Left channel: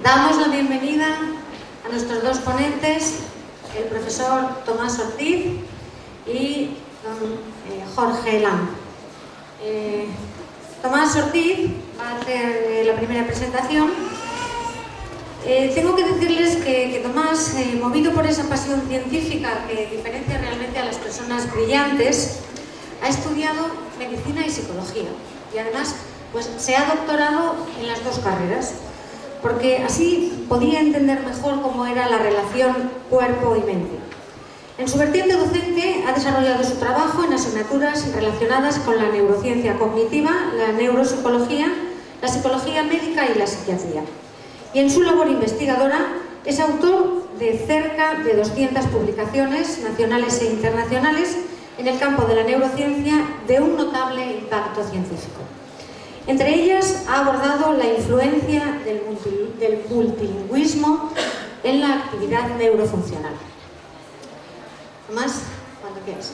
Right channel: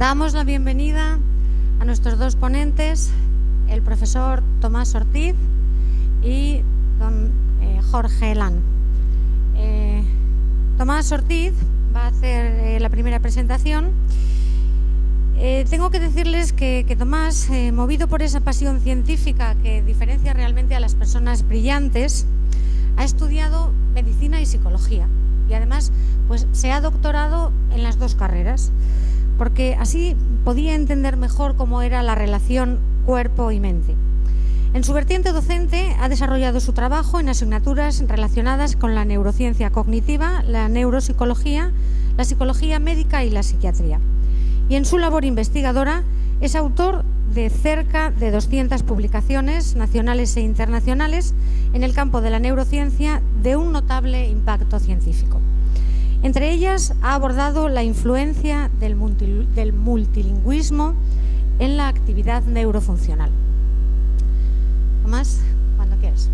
Damos la bienvenida a nuestros dos ponentes, el profesor Tomás Ortiz y Jorge Lam. Tomás Ortiz va a hacer la primera presentación. Tengo que decirles que Tomás, movido por esa pasión científica que diferencia realmente a las personas brillantes, ha estudiado medicina y psicología y además se ha doctorado en las dos carreras, porque así podía entender mejor cómo era la relación cuerpo y mente. En su vertiente docente ha desarrollado su trabajo en asignaturas relacionadas con la neurociencia cognitiva, la neuropsicología, la psicología médica y la psiquiatría. Y en su labor investigadora es autor de cerca de 200 publicaciones nacionales e internacionales en el campo de la neurociencia de un notable impacto científico. Entre ellas ha abordado la influencia del multilingüismo en la actividad neurofuncional. Tomás, cuando quieras.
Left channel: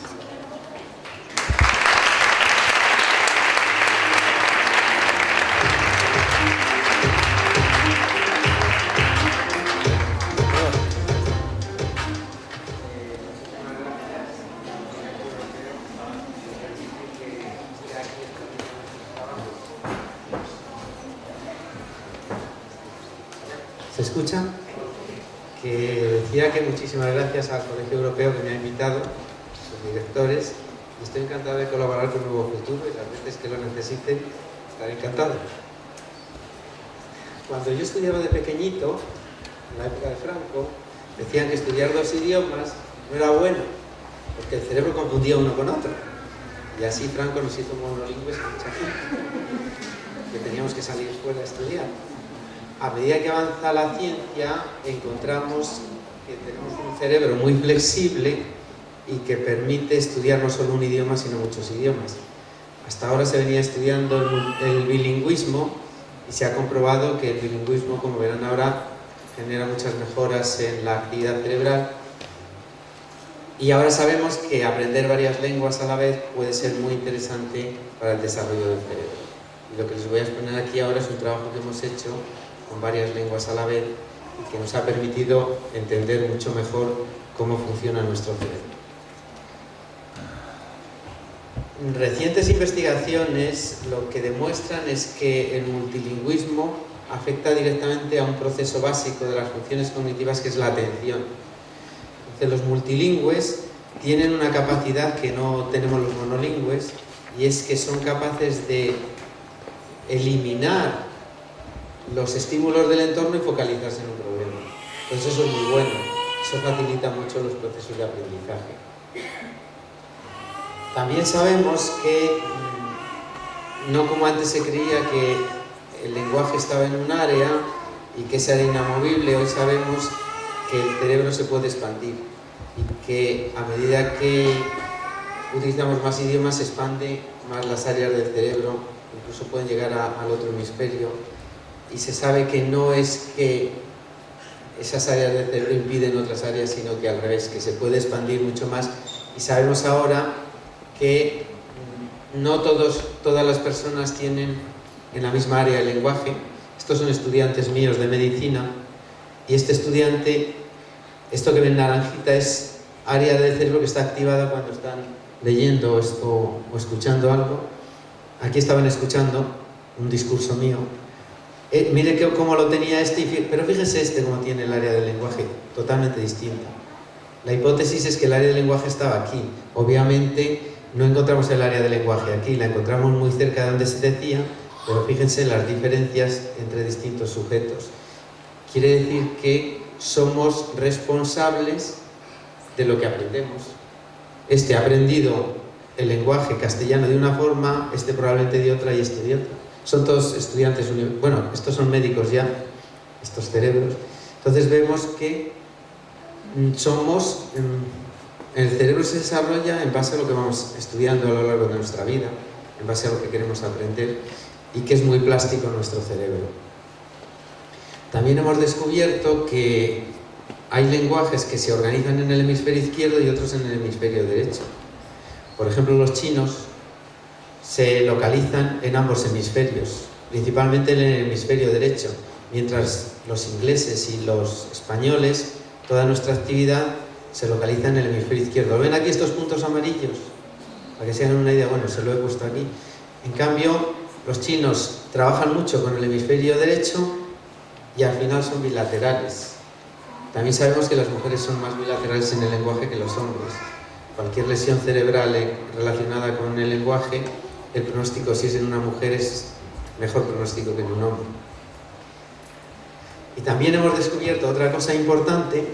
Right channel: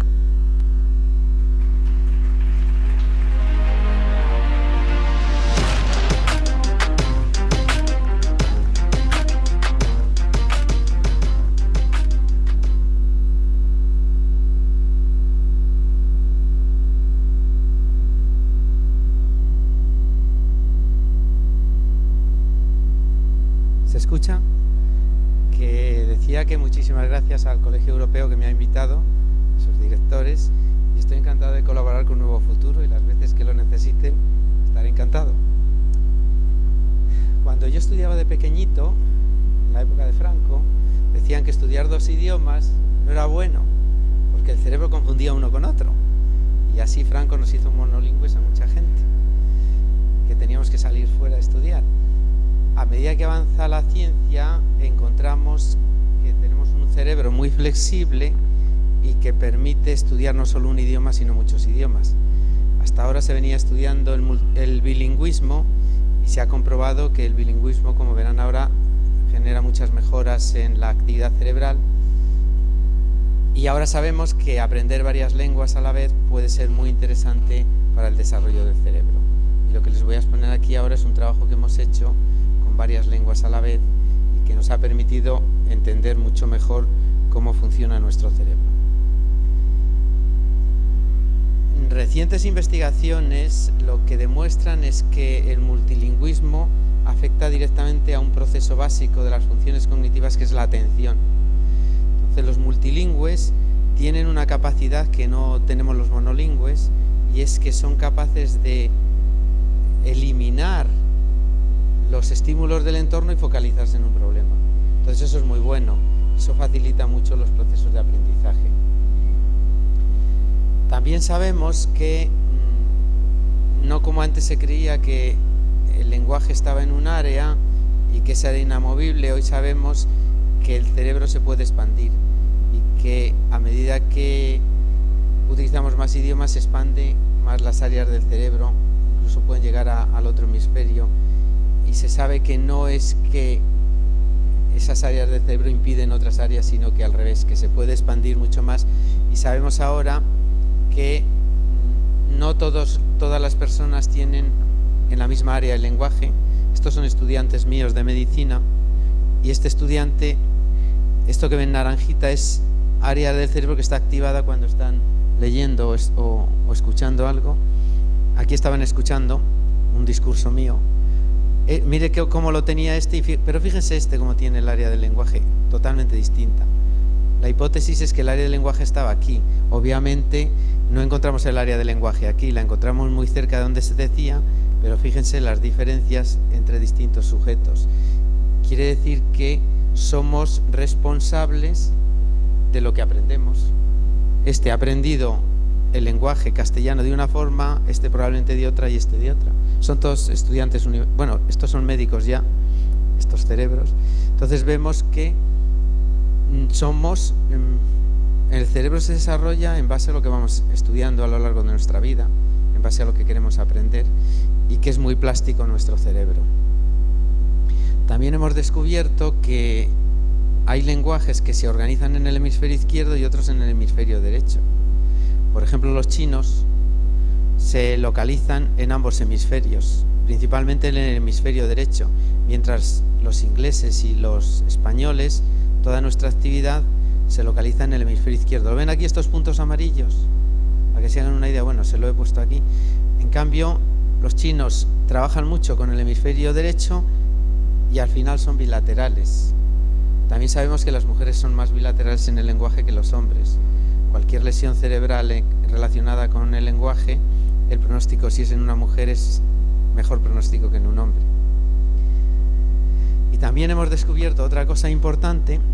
Recientes investigaciones lo que demuestran es que el multilingüismo afecta directamente a un proceso básico de las funciones cognitivas, que es la atención. Entonces, los multilingües tienen una capacidad que no tenemos los monolingües, y es que son capaces de eliminar los estímulos del entorno y focalizarse en un problema. Entonces, eso es muy bueno, eso facilita mucho los procesos de aprendizaje. También sabemos que, no como antes se creía que el lenguaje estaba en un área y que esa era inamovible, hoy sabemos que el cerebro se puede expandir y que a medida que utilizamos más idiomas se expande más las áreas del cerebro, incluso puede llegar al otro hemisferio, y se sabe que no es que esas áreas del cerebro impiden otras áreas, sino que al revés, que se puede expandir mucho más. Y sabemos ahora que no todas las personas tienen en la misma área del lenguaje. Estos son estudiantes míos de medicina, y este estudiante, esto que ven en naranjita es área del cerebro que está activada cuando están leyendo o escuchando algo. Aquí estaban escuchando un discurso mío. Miren cómo lo tenía pero fíjense este cómo tiene el área del lenguaje, totalmente distinta. La hipótesis es que el área del lenguaje estaba aquí. Obviamente no encontramos el área del lenguaje aquí, la encontramos muy cerca de donde se decía, pero fíjense las diferencias entre distintos sujetos. Quiere decir que somos responsables de lo que aprendemos. Este ha aprendido el lenguaje castellano de una forma, este probablemente de otra y este de otra. Son todos estudiantes, bueno, estos son médicos ya, estos cerebros. Entonces vemos que el cerebro se desarrolla en base a lo que vamos estudiando a lo largo de nuestra vida, en base a lo que queremos aprender, y que es muy plástico nuestro cerebro. También hemos descubierto que hay lenguajes que se organizan en el hemisferio izquierdo y otros en el hemisferio derecho. Por ejemplo, los chinos se localizan en ambos hemisferios, principalmente en el hemisferio derecho, mientras los ingleses y los españoles, toda nuestra actividad se localiza en el hemisferio izquierdo. ¿Ven aquí estos puntos amarillos? Para que se hagan una idea, bueno, se lo he puesto aquí. En cambio, los chinos trabajan mucho con el hemisferio derecho y al final son bilaterales. También sabemos que las mujeres son más bilaterales en el lenguaje que los hombres. Cualquier lesión cerebral relacionada con el lenguaje, el pronóstico, si es en una mujer, es mejor pronóstico que en un hombre. Y también hemos descubierto otra cosa importante,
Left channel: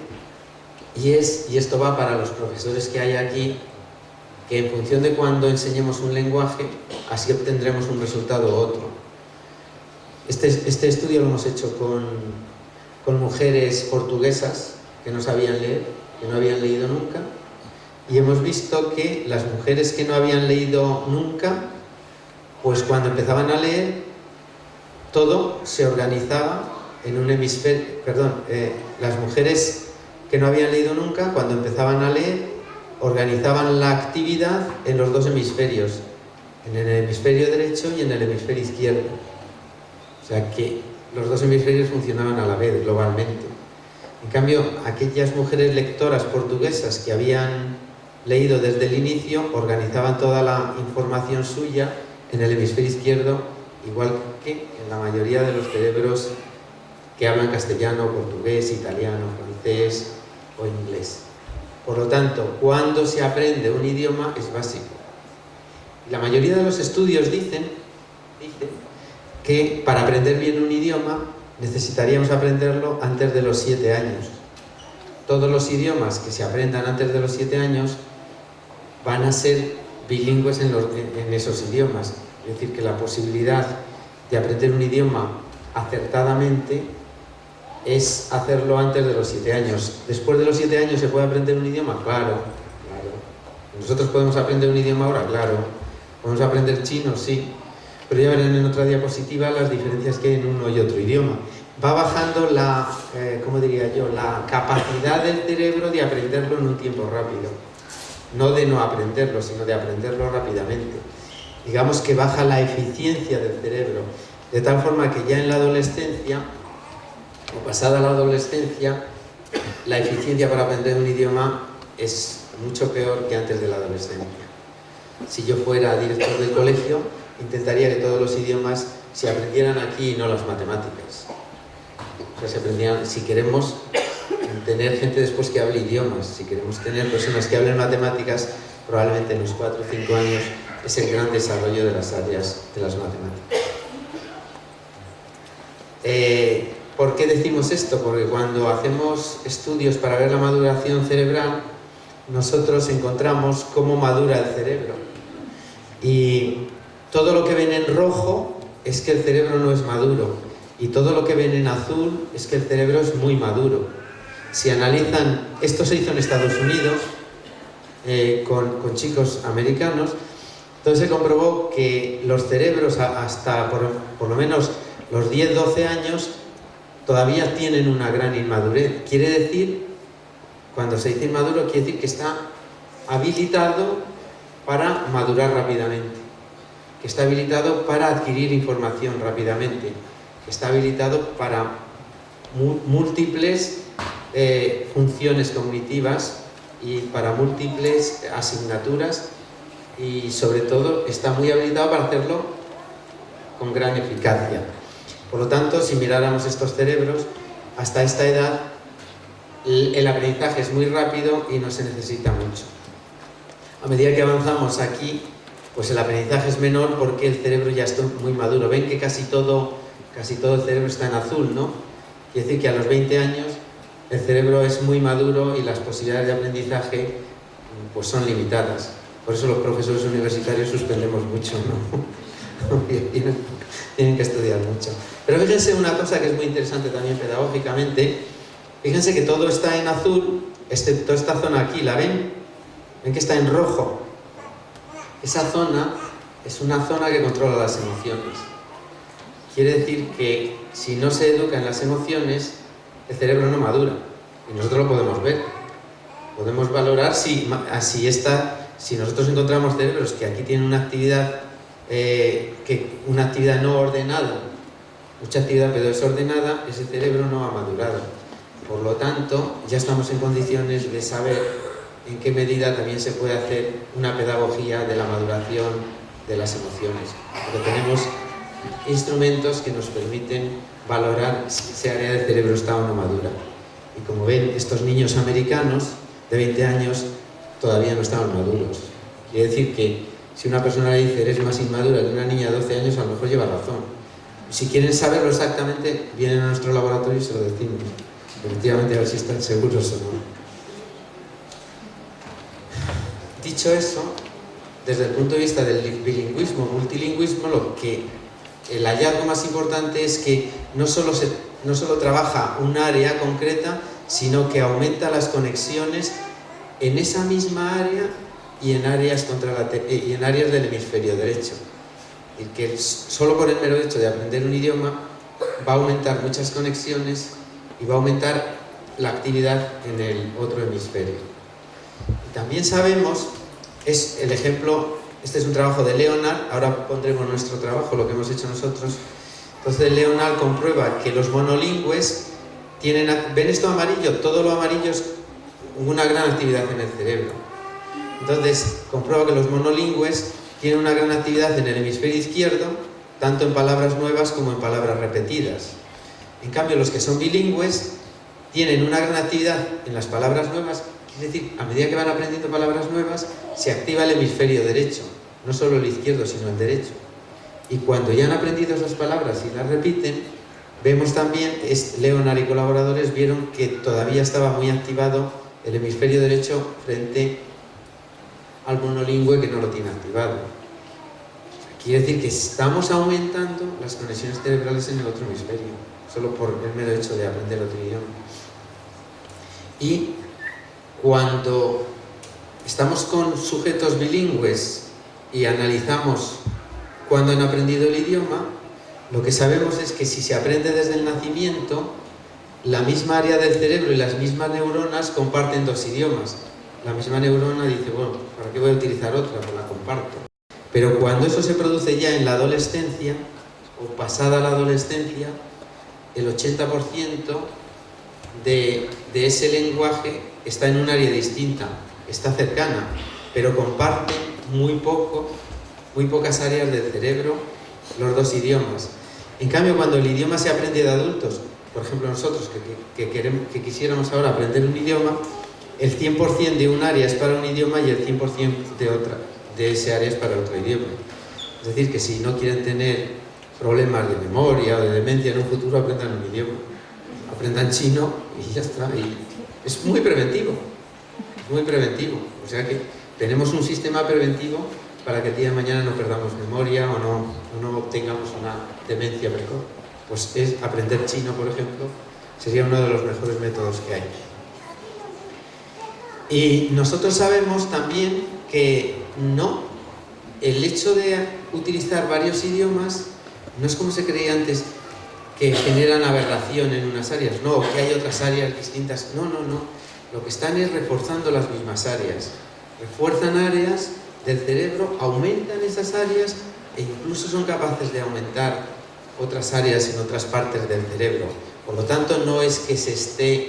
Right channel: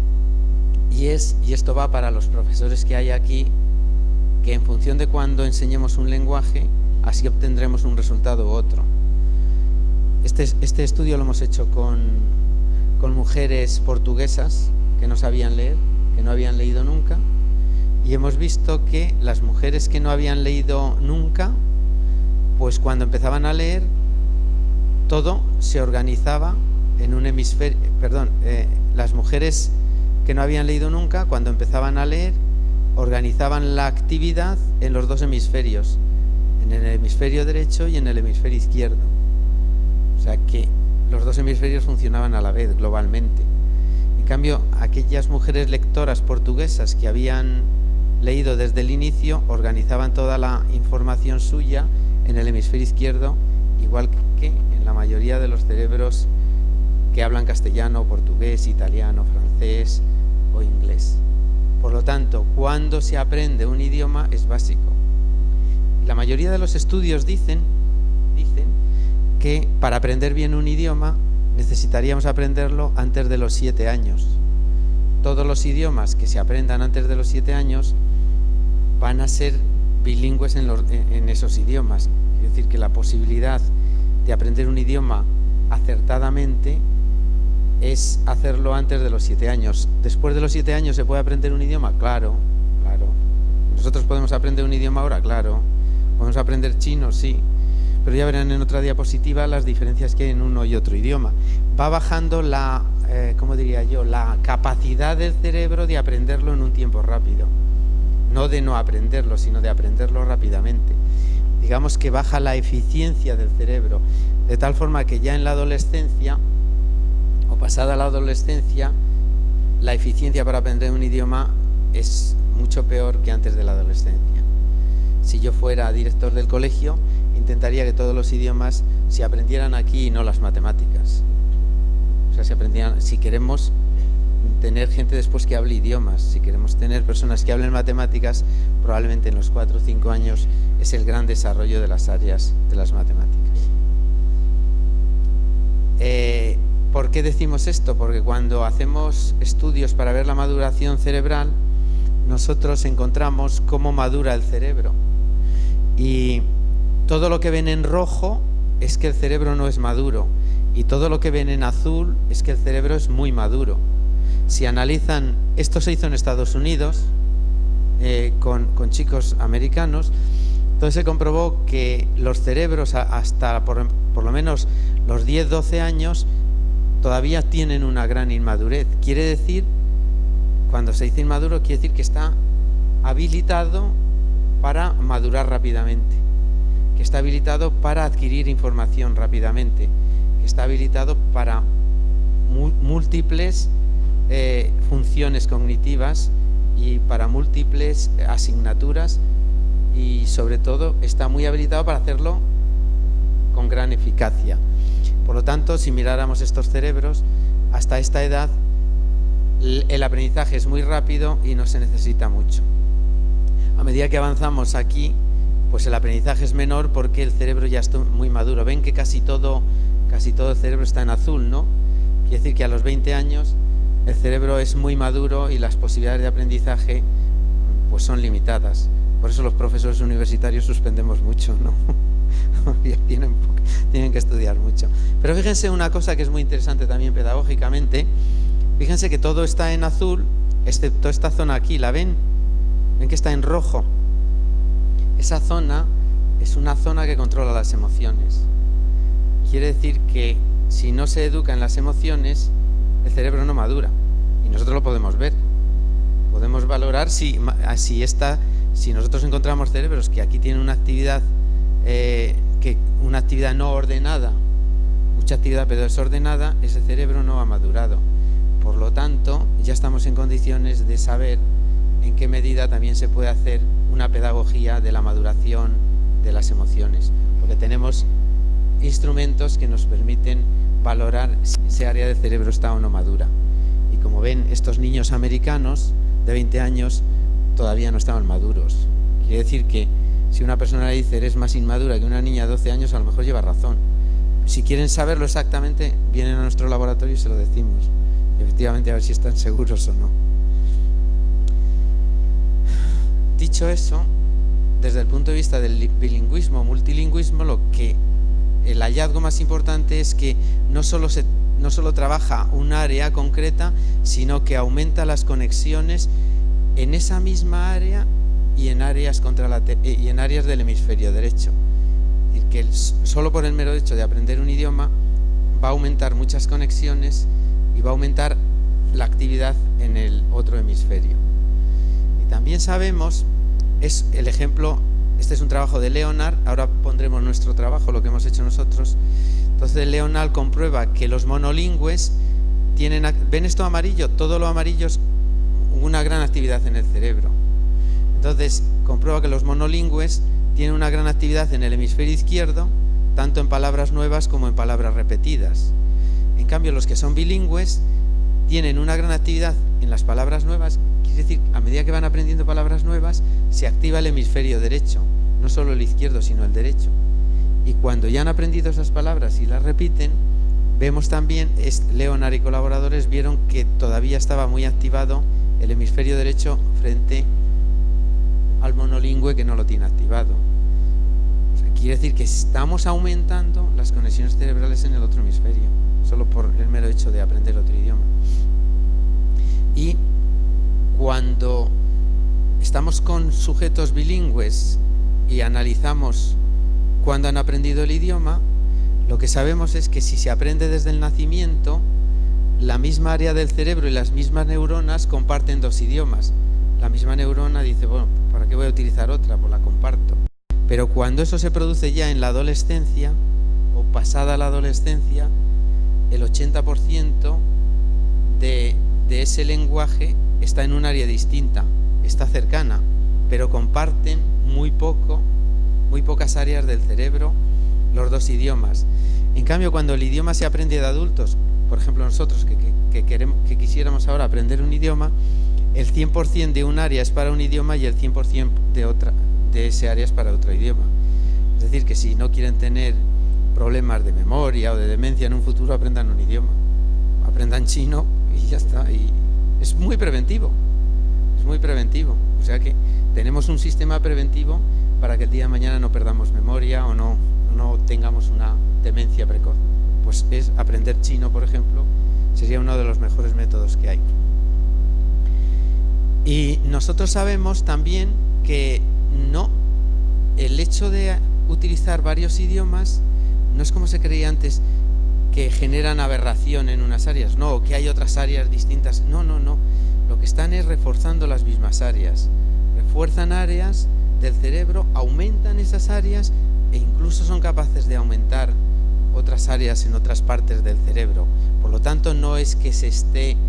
y esto va para los profesores que hay aquí, que en función de cuando enseñemos un lenguaje, así obtendremos un resultado u otro. Este estudio lo hemos hecho con mujeres portuguesas que no sabían leer, que no habían leído nunca, y hemos visto que las mujeres que no habían leído nunca, pues cuando empezaban a leer, todo se organizaba en un hemisferio, las mujeres que no habían leído nunca, cuando empezaban a leer, organizaban la actividad en los dos hemisferios, en el hemisferio derecho y en el hemisferio izquierdo. O sea que los dos hemisferios funcionaban a la vez, globalmente. En cambio, aquellas mujeres lectoras portuguesas que habían leído desde el inicio, organizaban toda la información suya en el hemisferio izquierdo, igual que en la mayoría de los cerebros que hablan castellano, portugués, italiano, francés o inglés. Por lo tanto, cuando se aprende un idioma es básico. La mayoría de los estudios dicen que para aprender bien un idioma necesitaríamos aprenderlo antes de los 7 años. Todos los idiomas que se aprendan antes de los 7 años van a ser bilingües en esos idiomas. Es decir, que la posibilidad de aprender un idioma acertadamente es hacerlo antes de los 7 años. Después de los 7 años se puede aprender un idioma, claro. Nosotros podemos aprender un idioma ahora, claro. Podemos aprender chino, sí. Pero ya verán en otra diapositiva las diferencias que hay en uno y otro idioma. Va bajando la capacidad del cerebro de aprenderlo en un tiempo rápido. No de no aprenderlo, sino de aprenderlo rápidamente. Digamos que baja la eficiencia del cerebro, de tal forma que ya en la adolescencia, pasada la adolescencia, la eficiencia para aprender un idioma es mucho peor que antes de la adolescencia. Si yo fuera director del colegio, intentaría que todos los idiomas se aprendieran aquí y no las matemáticas. O sea, se aprendieran, si queremos tener gente después que hable idiomas, si queremos tener personas que hablen matemáticas, probablemente en los 4 o 5 años es el gran desarrollo de las áreas de las matemáticas. ¿Por qué decimos esto? Porque cuando hacemos estudios para ver la maduración cerebral, nosotros encontramos cómo madura el cerebro. Y todo lo que ven en rojo es que el cerebro no es maduro. Y todo lo que ven en azul es que el cerebro es muy maduro. Si analizan, esto se hizo en Estados Unidos con chicos americanos, entonces se comprobó que los cerebros hasta por lo menos los 10-12 años todavía tienen una gran inmadurez. Quiere decir, cuando se dice inmaduro, quiere decir que está habilitado para madurar rápidamente, que está habilitado para adquirir información rápidamente, que está habilitado para múltiples funciones cognitivas y para múltiples asignaturas, y sobre todo está muy habilitado para hacerlo con gran eficacia. Por lo tanto, si miráramos estos cerebros, hasta esta edad el aprendizaje es muy rápido y no se necesita mucho. A medida que avanzamos aquí, pues el aprendizaje es menor porque el cerebro ya está muy maduro. Ven que casi todo el cerebro está en azul, ¿no? Quiere decir que a los 20 años el cerebro es muy maduro y las posibilidades de aprendizaje pues son limitadas. Por eso los profesores universitarios suspendemos mucho, ¿no? Porque tienen que estudiar mucho. Pero fíjense una cosa que es muy interesante también pedagógicamente. Fíjense que todo está en azul, excepto esta zona aquí, ¿la ven? Ven que está en rojo. Esa zona es una zona que controla las emociones. Quiere decir que si no se educa en las emociones, el cerebro no madura. Y nosotros lo podemos ver. Podemos valorar si nosotros encontramos cerebros que aquí tienen una actividad no ordenada, mucha actividad pero desordenada, ese cerebro no ha madurado. Por lo tanto, ya estamos en condiciones de saber en qué medida también se puede hacer una pedagogía de la maduración de las emociones. Pero tenemos instrumentos que nos permiten valorar si esa área del cerebro está o no madura. Y como ven, estos niños americanos de 20 años todavía no estaban maduros. Quiere decir que si una persona le dice eres más inmadura que una niña de 12 años, a lo mejor lleva razón. Si quieren saberlo exactamente, vienen a nuestro laboratorio y se lo decimos. Efectivamente, a ver si están seguros o no. Dicho eso, desde el punto de vista del bilingüismo, multilingüismo, el hallazgo más importante es que no solo trabaja un área concreta, sino que aumenta las conexiones en esa misma área y en áreas del hemisferio derecho. Y que solo por el mero hecho de aprender un idioma va a aumentar muchas conexiones y va a aumentar la actividad en el otro hemisferio. También sabemos, es el ejemplo, este es un trabajo de Leonard, ahora pondremos nuestro trabajo, lo que hemos hecho nosotros. Entonces Leonard comprueba que los monolingües tienen, ¿ven esto amarillo? Todo lo amarillo es una gran actividad en el cerebro. Entonces comprueba que los monolingües tienen una gran actividad en el hemisferio izquierdo, tanto en palabras nuevas como en palabras repetidas. En cambio, los que son bilingües tienen una gran actividad en las palabras nuevas, es decir, a medida que van aprendiendo palabras nuevas, se activa el hemisferio derecho, no solo el izquierdo, sino el derecho. Y cuando ya han aprendido esas palabras y las repiten, vemos también, Leonard y colaboradores vieron que todavía estaba muy activado el hemisferio derecho frente al monolingüe que no lo tiene activado. Quiere decir que estamos aumentando las conexiones cerebrales en el otro hemisferio, solo por el mero hecho de aprender otro idioma. Y cuando estamos con sujetos bilingües y analizamos cuando han aprendido el idioma, lo que sabemos es que si se aprende desde el nacimiento, la misma área del cerebro y las mismas neuronas comparten dos idiomas. La misma neurona dice, bueno, ¿para qué voy a utilizar otra? Pues la comparto. Pero cuando eso se produce ya en la adolescencia, o pasada la adolescencia, el 80% de ese lenguaje está en un área distinta, está cercana, pero comparte muy pocas áreas del cerebro los dos idiomas. En cambio, cuando el idioma se aprende de adultos, por ejemplo nosotros que quisiéramos ahora aprender un idioma, el 100% de un área es para un idioma y el 100% de ese área es para otro idioma. Es decir, que si no quieren tener problemas de memoria o de demencia en un futuro, aprendan un idioma, aprendan chino y ya está. Y es muy preventivo, muy preventivo. O sea que tenemos un sistema preventivo para que el día de mañana no perdamos memoria o no tengamos una demencia precoz. Pues es aprender chino, por ejemplo, sería uno de los mejores métodos que hay. Y nosotros sabemos también que el hecho de utilizar varios idiomas no es como se creía antes, que generan aberración en unas áreas, no, que hay otras áreas distintas, no. Lo que están es reforzando las mismas áreas, refuerzan áreas del cerebro, aumentan esas áreas e incluso son capaces de aumentar otras áreas en otras partes del cerebro. Por lo tanto, no es que se esté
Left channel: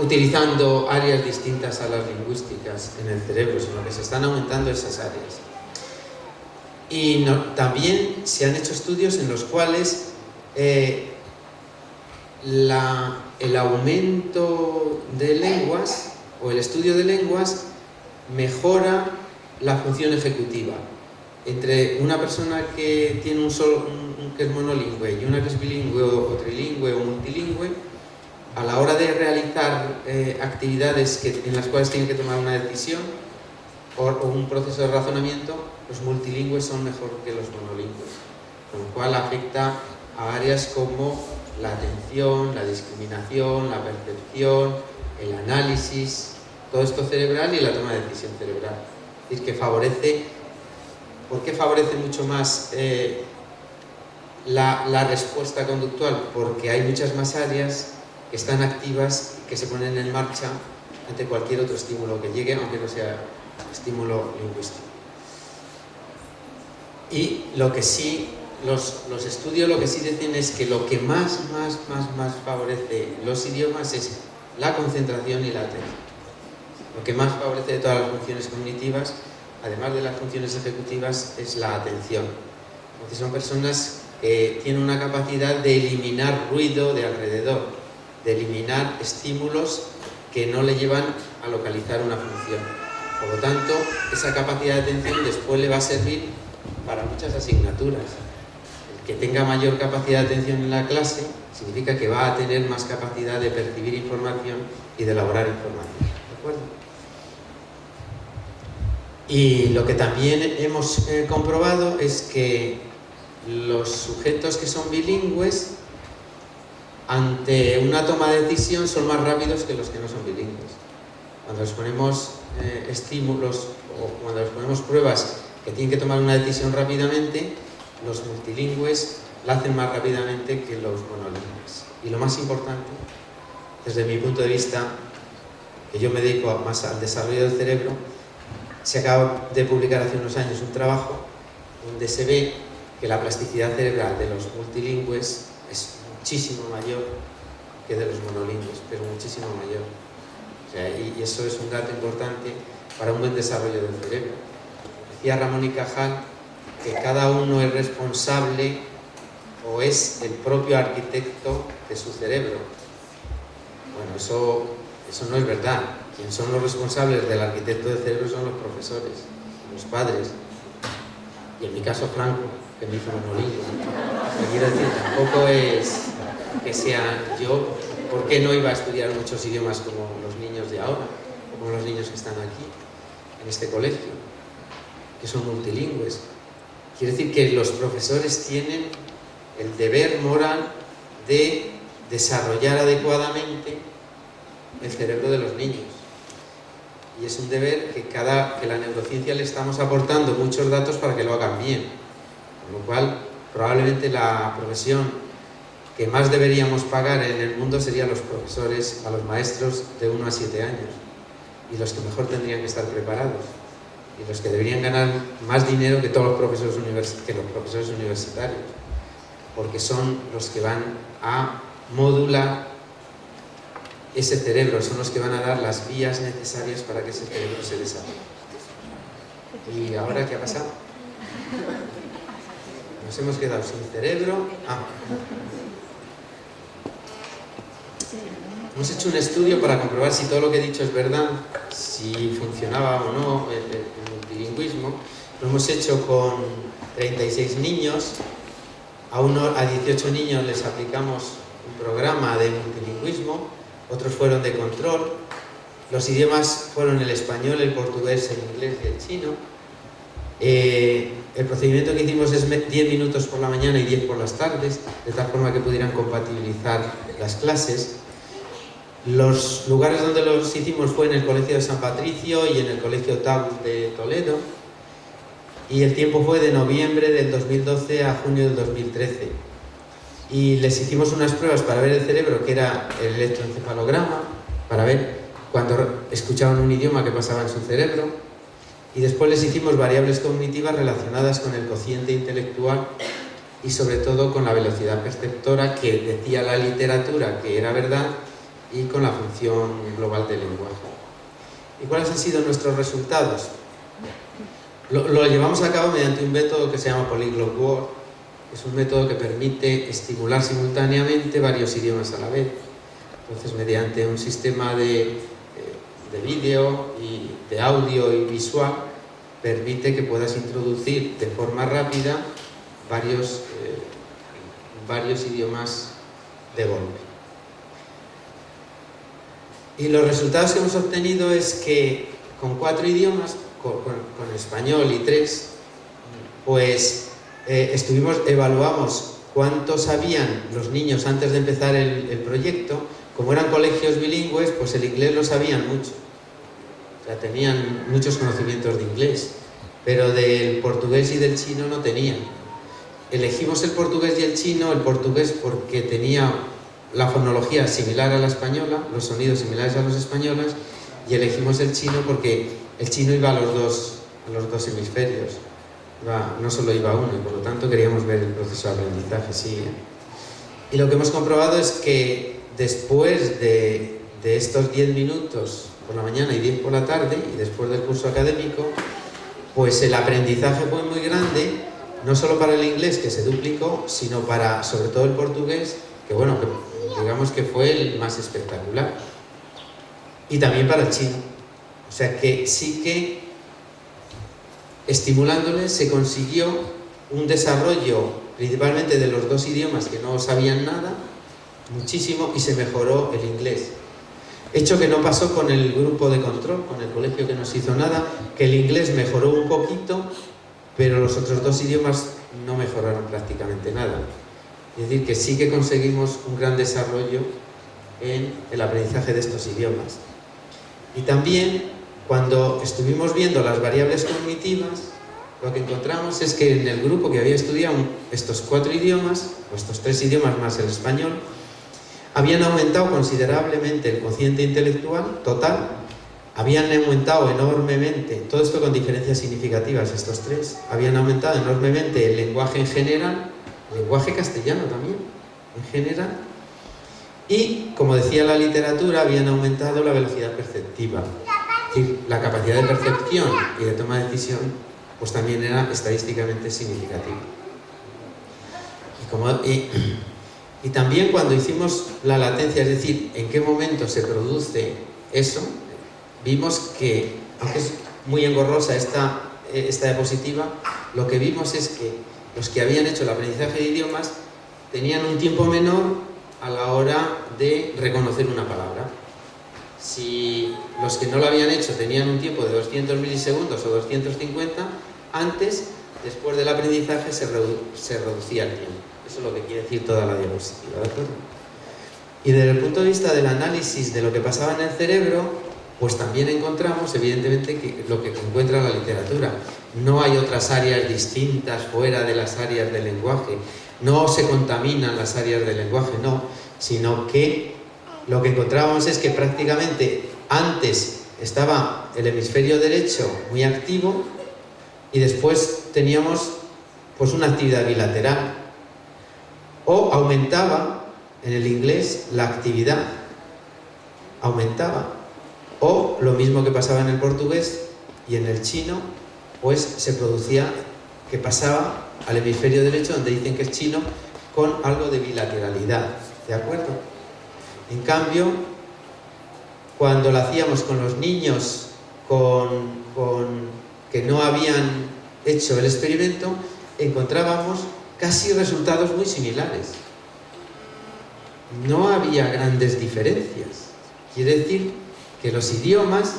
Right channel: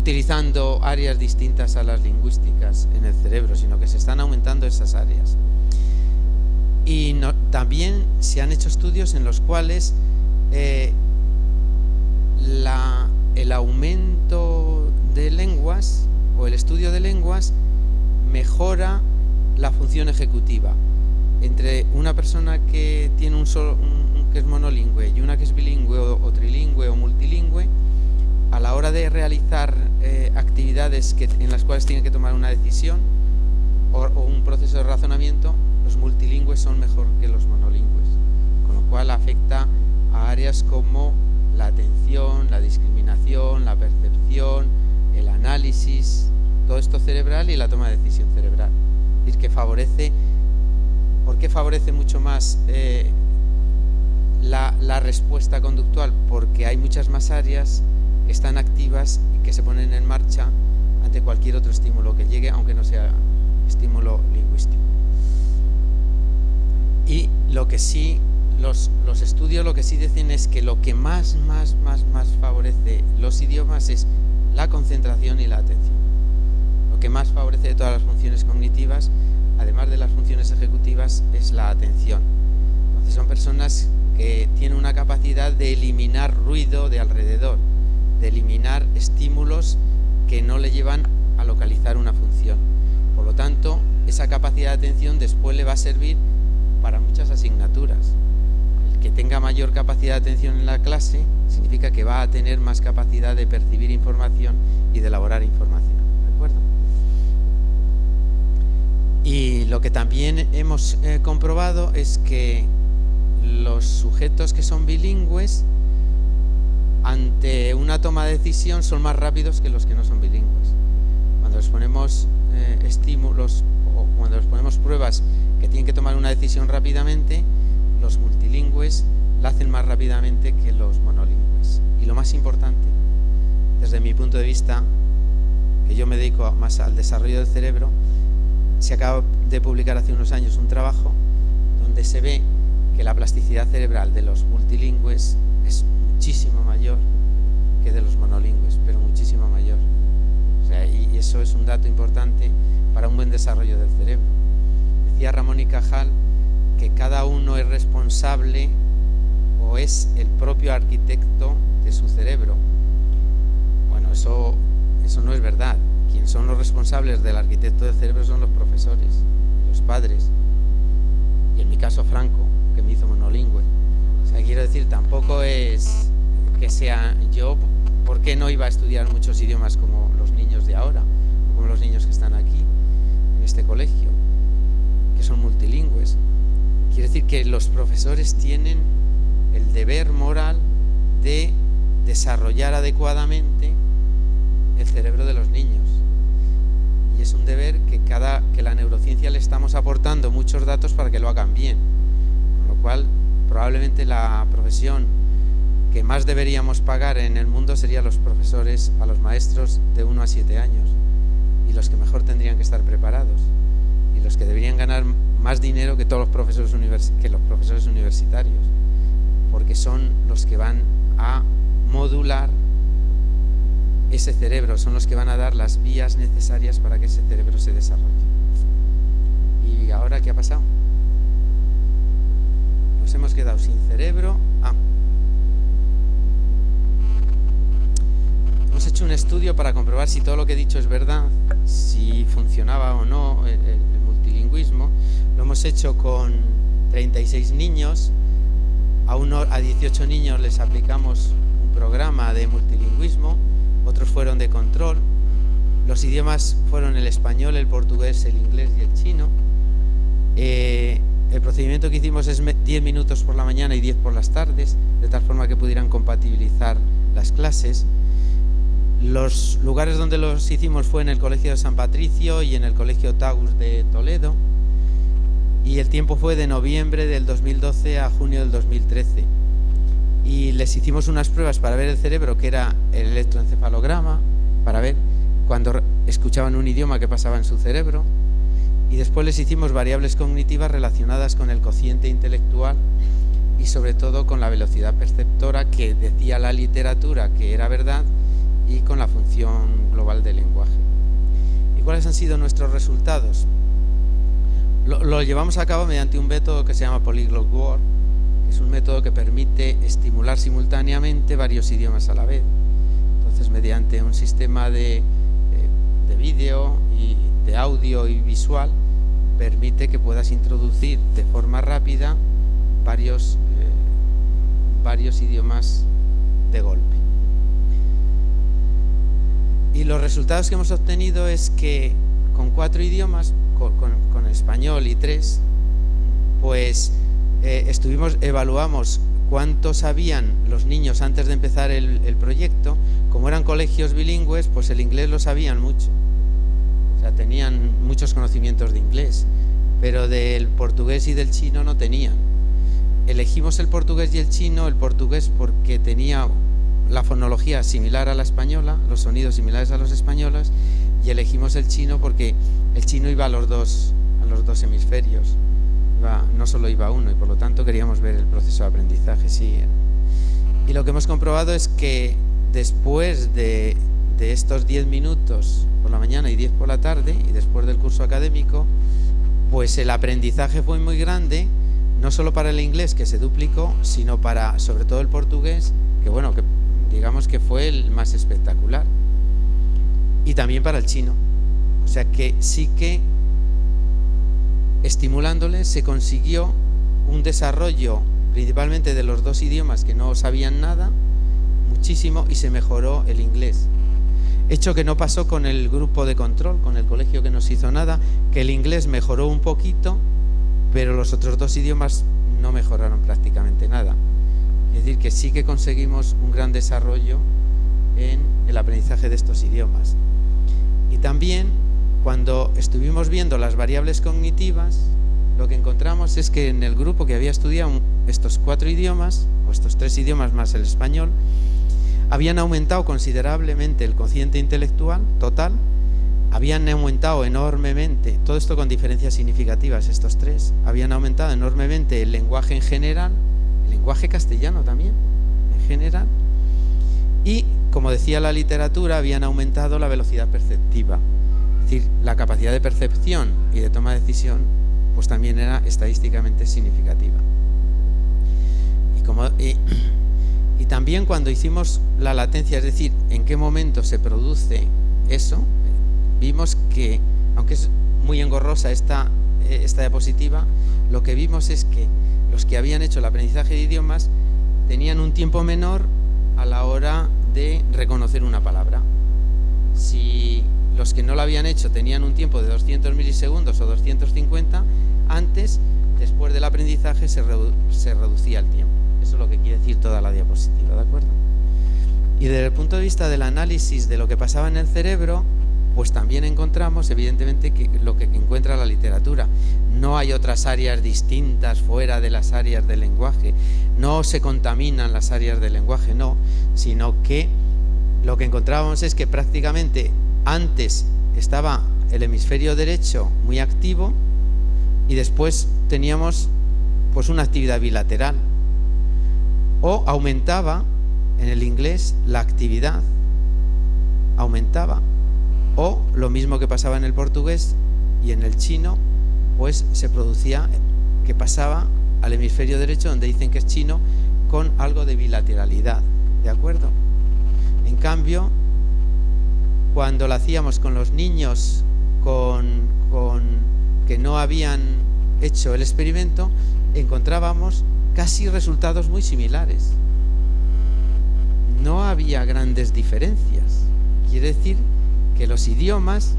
utilizando áreas distintas a las lingüísticas en el cerebro, sino que se están aumentando esas áreas. Y también se han hecho estudios en los cuales el aumento de lenguas o el estudio de lenguas mejora la función ejecutiva. Entre una persona que tiene que es monolingüe y una que es bilingüe o trilingüe o multilingüe, a la hora de realizar actividades en las cuales tienen que tomar una decisión o un proceso de razonamiento, los multilingües son mejor que los monolingües, lo cual afecta a áreas como la atención, la discriminación, la percepción, el análisis, todo esto cerebral y la toma de decisión cerebral. Es decir, que ¿por qué favorece mucho más la respuesta conductual? Porque hay muchas más áreas que están activas y que se ponen en marcha ante cualquier otro estímulo que llegue, aunque no sea estímulo lingüístico. Y lo que sí los estudios lo que sí dicen es que lo que más favorece los idiomas es la concentración y la atención. Lo que más favorece todas las funciones cognitivas, además de las funciones ejecutivas, es la atención. Porque son personas que tienen una capacidad de eliminar ruido de alrededor, de eliminar estímulos que no le llevan a localizar una función. Por lo tanto, esa capacidad de atención después le va a servir para muchas asignaturas. El que tenga mayor capacidad de atención en la clase significa que va a tener más capacidad de percibir información y de elaborar información. ¿De acuerdo? Y lo que también hemos comprobado es que los sujetos que son bilingües, ante una toma de decisión, son más rápidos que los que no son bilingües. Cuando les ponemos estímulos o cuando les ponemos pruebas que tienen que tomar una decisión rápidamente, los multilingües la hacen más rápidamente que los monolingües. Y lo más importante, desde mi punto de vista, que yo me dedico más al desarrollo del cerebro, se acaba de publicar hace unos años un trabajo donde se ve que la plasticidad cerebral de los multilingües es muchísimo mayor que de los monolingües, pero muchísimo mayor. Y eso es un dato importante para un buen desarrollo del cerebro. Decía Ramón y Cajal que cada uno es responsable o es el propio arquitecto de su cerebro. Bueno, eso no es verdad. Quienes son los responsables del arquitecto del cerebro son los profesores, los padres. Y en mi caso, Franco, que es mi monolingüe. Quiero decir, tampoco es que sea yo, ¿por qué no iba a estudiar muchos idiomas como los niños de ahora, como los niños que están aquí, en este colegio, que son multilingües? Quiere decir que los profesores tienen el deber moral de desarrollar adecuadamente el cerebro de los niños. Y es un deber que la neurociencia le estamos aportando muchos datos para que lo hagan bien. Con lo cual, probablemente la profesión que más deberíamos pagar en el mundo serían los profesores, a los maestros de 1 a 7 años. Y los que mejor tendrían que estar preparados. Y los que deberían ganar más dinero que todos los profesores universitarios. Porque son los que van a modular ese cerebro, son los que van a dar las vías necesarias para que ese cerebro se desarrolle. ¿Y ahora qué ha pasado? Nos hemos quedado sin cerebro. Hemos hecho un estudio para comprobar si todo lo que he dicho es verdad, si funcionaba o no el multilingüismo. Lo hemos hecho con 36 niños. A 18 niños les aplicamos un programa de multilingüismo, otros fueron de control. Los idiomas fueron el español, el portugués, el inglés y el chino. El procedimiento que hicimos es 10 minutos por la mañana y 10 por las tardes, de tal forma que pudieran compatibilizar las clases. Los lugares donde los hicimos fue en el Colegio de San Patricio y en el Colegio TAP de Toledo. Y el tiempo fue de noviembre del 2012 a junio del 2013. Y les hicimos unas pruebas para ver el cerebro, que era el electroencefalograma, para ver cuando escuchaban un idioma qué pasaba en su cerebro. Y después les hicimos variables cognitivas relacionadas con el cociente intelectual y sobre todo con la velocidad perceptora, que decía la literatura que era verdad, y con la función global del lenguaje. ¿Y cuáles han sido nuestros resultados? Lo llevamos a cabo mediante un método que se llama Polyglot World. Es un método que permite estimular simultáneamente varios idiomas a la vez. Entonces, mediante un sistema de vídeo y de audio y visual, permite que puedas introducir de forma rápida varios idiomas de golpe. Y los resultados que hemos obtenido es que con 4 idiomas, con español y 3, pues evaluamos cuánto sabían los niños antes de empezar el proyecto. Como eran colegios bilingües, pues el inglés lo sabían mucho. O sea, tenían muchos conocimientos de inglés, pero del portugués y del chino no tenían. Elegimos el portugués y el chino, el portugués porque tenía la fonología similar a la española, los sonidos similares a los españoles, y elegimos el chino porque el chino iba a los dos hemisferios, no solo iba uno, y por lo tanto queríamos ver el proceso de aprendizaje, sí. Y lo que hemos comprobado es que después de estos 10 minutos por la mañana y 10 por la tarde, y después del curso académico, pues el aprendizaje fue muy grande, no solo para el inglés, que se duplicó, sino para, sobre todo, el portugués, que bueno, digamos que fue el más espectacular. Y también para el chino. O sea que sí que, estimulándoles, se consiguió un desarrollo, principalmente de los dos idiomas que no sabían nada, muchísimo, y se mejoró el inglés. Hecho que no pasó con el grupo de control, con el colegio que no se hizo nada, que el inglés mejoró un poquito, pero los otros dos idiomas no mejoraron prácticamente nada. Es decir, que sí que conseguimos un gran desarrollo en el aprendizaje de estos idiomas. Y también, cuando estuvimos viendo las variables cognitivas, lo que encontramos es que en el grupo que había estudiado estos 4 idiomas, estos 3 idiomas más el español, habían aumentado considerablemente el cociente intelectual total, habían aumentado enormemente, todo esto con diferencias significativas, estos 3, habían aumentado enormemente el lenguaje en general, el lenguaje castellano también, en general, y, como decía la literatura, habían aumentado la velocidad perceptiva. Es decir, la capacidad de percepción y de toma de decisión, pues también era estadísticamente significativa. Y también cuando hicimos la latencia, es decir, en qué momento se produce eso, vimos que, aunque es muy engorrosa esta diapositiva, lo que vimos es que los que habían hecho el aprendizaje de idiomas tenían un tiempo menor a la hora de reconocer una palabra. Si los que no lo habían hecho tenían un tiempo de 200 milisegundos o 250, antes, después del aprendizaje, se reducía el tiempo. Eso es lo que quiere decir toda la diapositiva, ¿de acuerdo? Y desde el punto de vista del análisis de lo que pasaba en el cerebro, pues también encontramos, evidentemente, que lo que encuentra la literatura. No hay otras áreas distintas fuera de las áreas del lenguaje. No se contaminan las áreas del lenguaje, no. Sino que lo que encontramos es que prácticamente antes estaba el hemisferio derecho muy activo y después teníamos pues una actividad bilateral. O aumentaba en el inglés la actividad, aumentaba. O lo mismo que pasaba en el portugués y en el chino, pues se producía que pasaba al hemisferio derecho, donde dicen que el chino, con algo de bilateralidad, ¿de acuerdo? En cambio, cuando lo hacíamos con los niños que no habían hecho el experimento, encontrábamos casi resultados muy similares. No había grandes diferencias. Quiere decir que los idiomas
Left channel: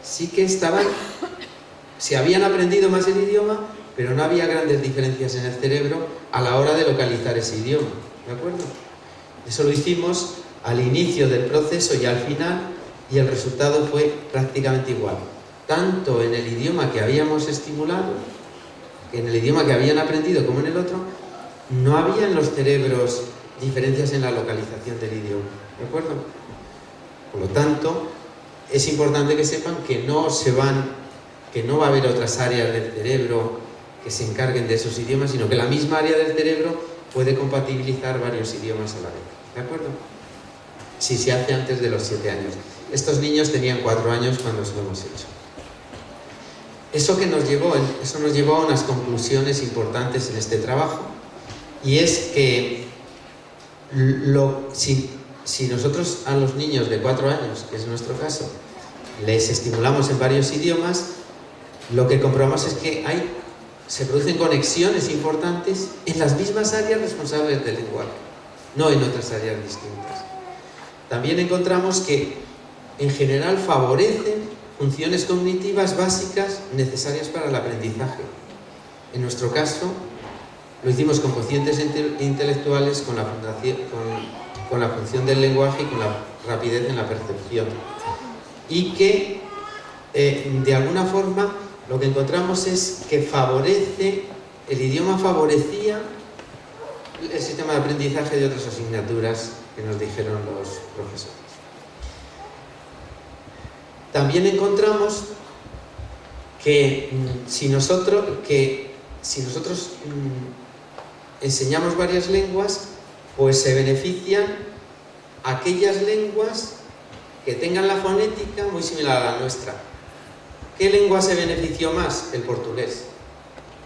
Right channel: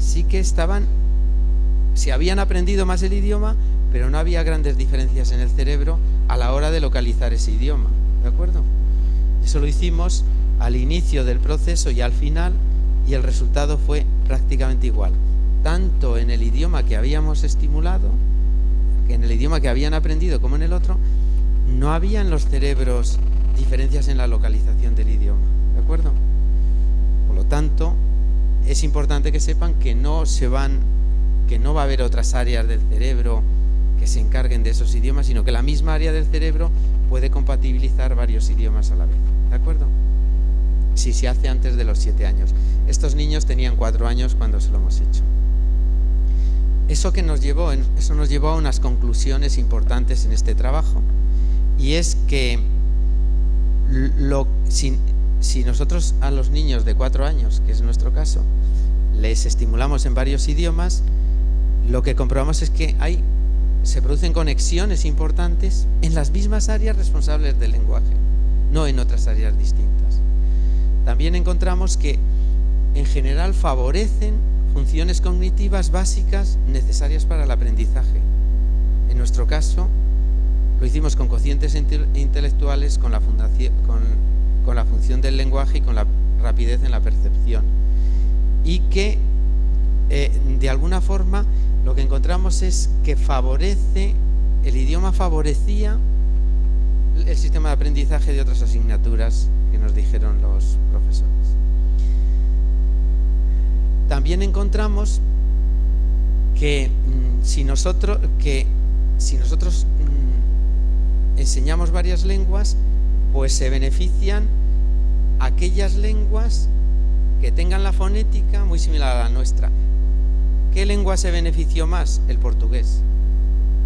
sí que se habían aprendido más el idioma, pero no había grandes diferencias en el cerebro a la hora de localizar ese idioma, ¿de acuerdo? Eso lo hicimos al inicio del proceso y al final, y el resultado fue prácticamente igual. Tanto en el idioma que habíamos estimulado, en el idioma que habían aprendido como en el otro, no había en los cerebros diferencias en la localización del idioma, ¿de acuerdo? Por lo tanto, es importante que sepan que no va a haber otras áreas del cerebro que se encarguen de esos idiomas, sino que la misma área del cerebro puede compatibilizar varios idiomas a la vez, ¿de acuerdo? Si se hace antes de los 7 años. Estos niños tenían 4 años cuando se lo hemos hecho. Eso nos llevó a unas conclusiones importantes en este trabajo. Y es que si nosotros a los niños de 4 años, que es nuestro caso, les estimulamos en varios idiomas, lo que comprobamos es que se producen conexiones importantes en las mismas áreas responsables del lenguaje, no en otras áreas distintas. También encontramos que en general favorecen funciones cognitivas básicas necesarias para el aprendizaje. En nuestro caso, lo hicimos con cocientes intelectuales, con la función del lenguaje y con la rapidez en la percepción. Y que, de alguna forma, lo que encontramos es que el idioma favorecía el sistema de aprendizaje de otras asignaturas que nos dijeron los profesores. También encontramos que si nosotros enseñamos varias lenguas, pues se benefician aquellas lenguas que tengan la fonética muy similar a la nuestra. ¿Qué lengua se benefició más? El portugués,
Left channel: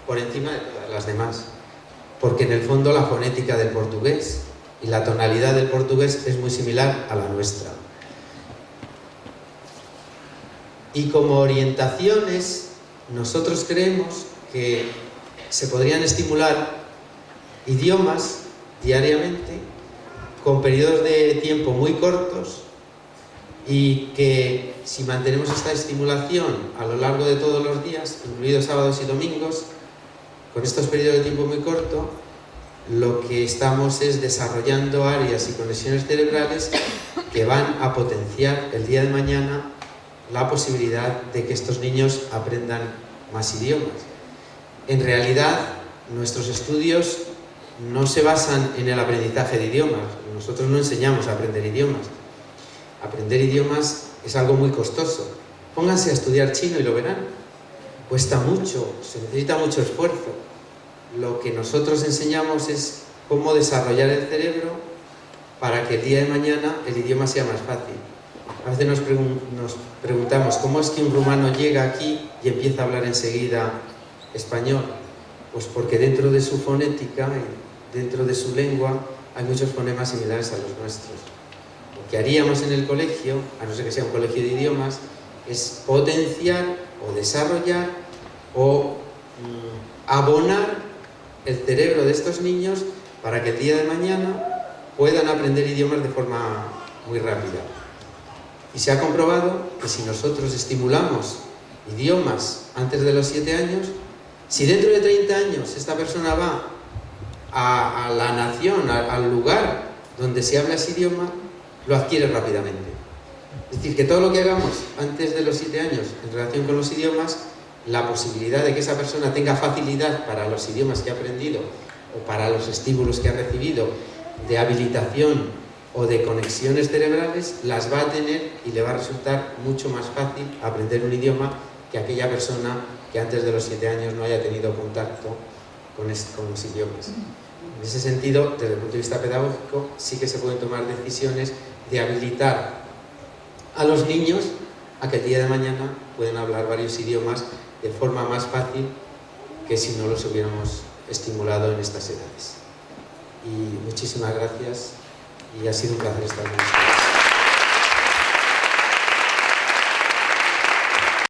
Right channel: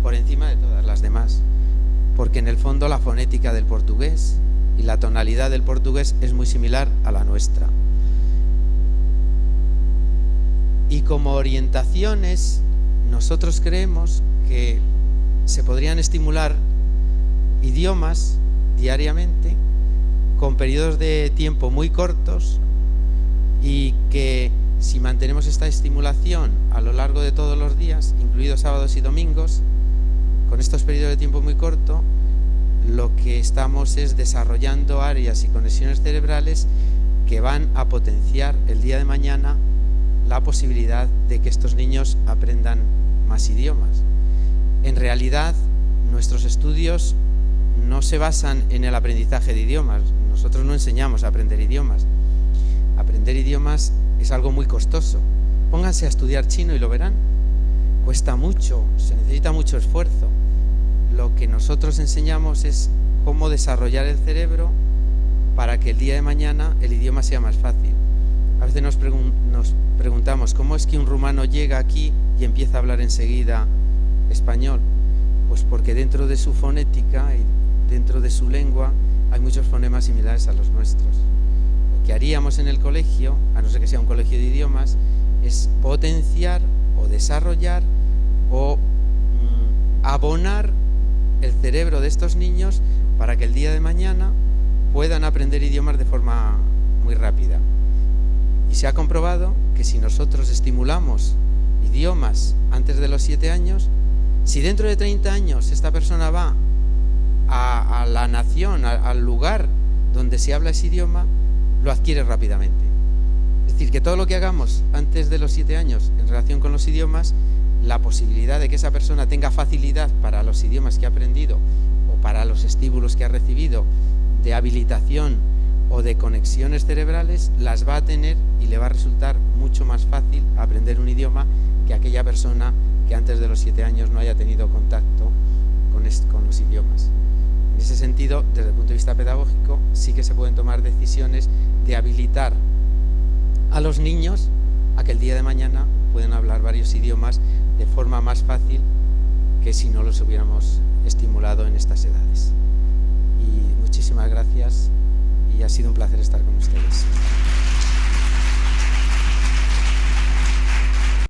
por encima de todas las demás, porque en el fondo la fonética del portugués y la tonalidad del portugués es muy similar a la nuestra. Y como orientaciones, nosotros creemos que se podrían estimular idiomas diariamente con periodos de tiempo muy cortos, y que si mantenemos esa estimulación a lo largo de todos los días, incluidos sábados y domingos, con estos periodos de tiempo muy corto, lo que estamos es desarrollando áreas y conexiones cerebrales que van a potenciar el día de mañana la posibilidad de que estos niños aprendan más idiomas. En realidad, nuestros estudios no se basan en el aprendizaje de idiomas. Nosotros no enseñamos a aprender idiomas. Aprender idiomas es algo muy costoso. Pónganse a estudiar chino y lo verán. Cuesta mucho, se necesita mucho esfuerzo. Lo que nosotros enseñamos es cómo desarrollar el cerebro para que el día de mañana el idioma sea más fácil. A veces nos preguntamos cómo es que un rumano llega aquí y empieza a hablar enseguida español. Pues porque dentro de su fonética, dentro de su lengua, hay muchos fonemas similares a los nuestros. Lo que haríamos en el colegio, a no ser que sea un colegio de idiomas, es potenciar o desarrollar o abonar el cerebro de estos niños para que el día de mañana puedan aprender idiomas de forma muy rápida. Y se ha comprobado que si nosotros estimulamos idiomas antes de los 7 años, si dentro de 30 años esta persona va a la nación, al lugar donde se habla ese idioma, lo adquiere rápidamente. Es decir, que todo lo que hagamos antes de los 7 años en relación con los idiomas, la posibilidad de que esa persona tenga facilidad para los idiomas que ha aprendido o para los estímulos que ha recibido de habilitación o de conexiones cerebrales, las va a tener y le va a resultar mucho más fácil aprender un idioma que aquella persona que antes de los 7 años no haya tenido contacto con los idiomas. En ese sentido, desde el punto de vista pedagógico, sí que se pueden tomar decisiones de habilitar a los niños a que el día de mañana pueden hablar varios idiomas de forma más fácil que si no los hubiéramos estimulado en estas edades. Y muchísimas gracias y ha sido un placer estar con ustedes.